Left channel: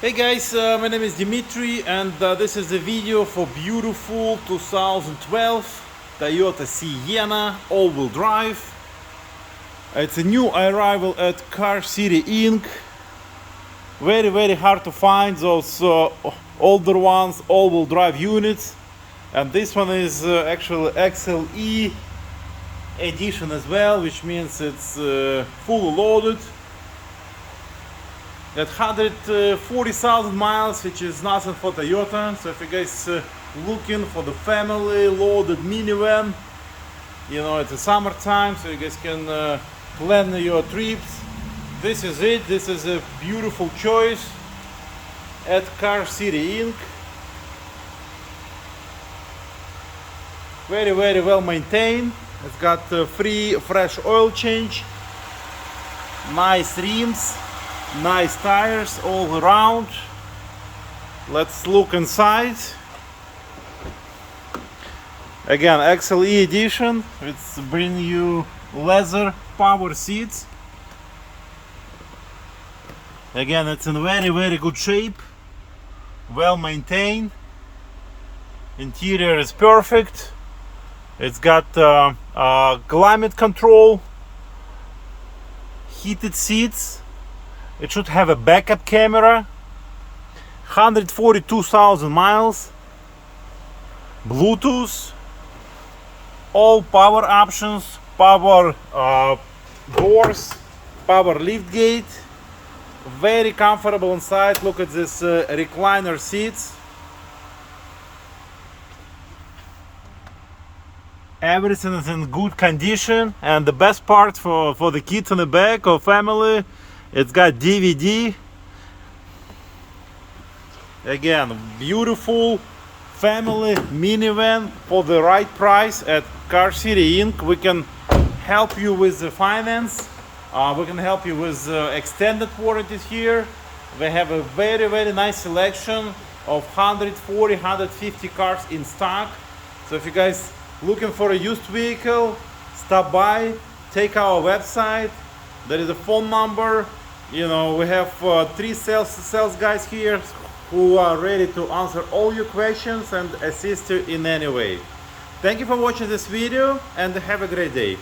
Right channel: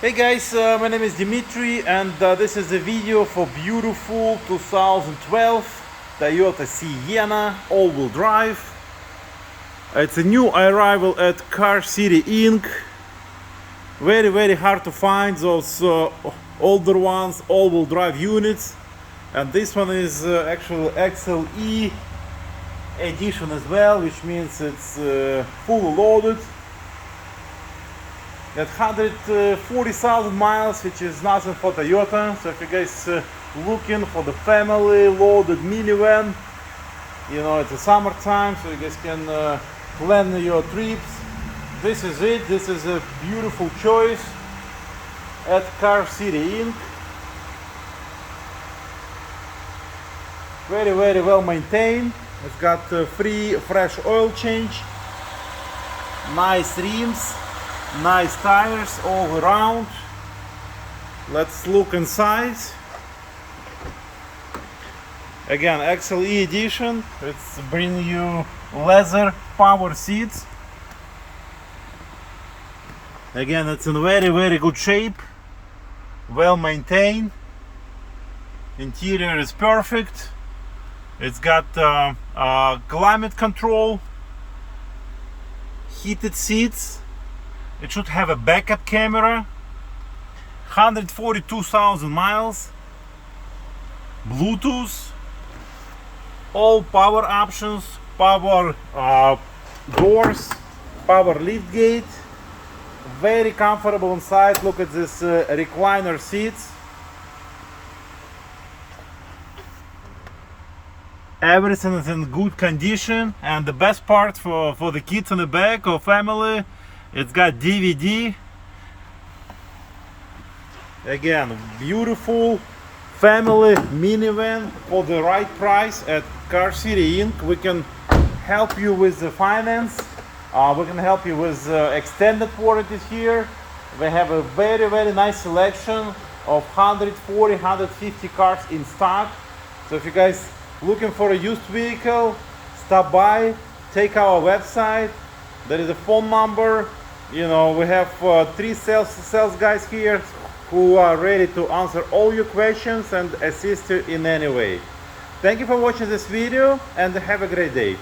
Hey guys, my name is Dimitri and this is a video for beautiful 2012 Toyota Sienna all-wheel drive. It's a new arrival at Car City Inc. Very hard to find those older ones, all-wheel drive units, and this one is actually XLE edition as well, which means it's fully loaded at 140,000 miles, which is nothing for Toyota. So if you guys looking for the family loaded minivan, you know, it's the summertime, so you guys can plan your trips. This is it. This is a beautiful choice at Car City Inc. Very well maintained. It's got free fresh oil change, nice rims, nice tires all around. Let's look inside. Again, XLE edition. It's bringing you leather power seats. Again, it's in very good shape, well maintained. Interior is perfect. It's got climate control, heated seats. It should have a backup camera. 142,000 miles. Bluetooth. All power options. Power doors. Power liftgate. Very comfortable inside. Look at this recliner seats. Everything is in good condition, and the best part for the kids in the back or family, it's got DVD. Again, beautiful family minivan for the right price at Car City Inc. We can help you with the finance. We can help you with extended warranties here. We have a very nice selection of 140, 150 cars in stock. So if you guys looking for a used vehicle, stop by, take our website. There is a phone number. You know, we have 3 sales guys here who are ready to answer all your questions and assist you in any way. Thank you for watching this video and have a great day.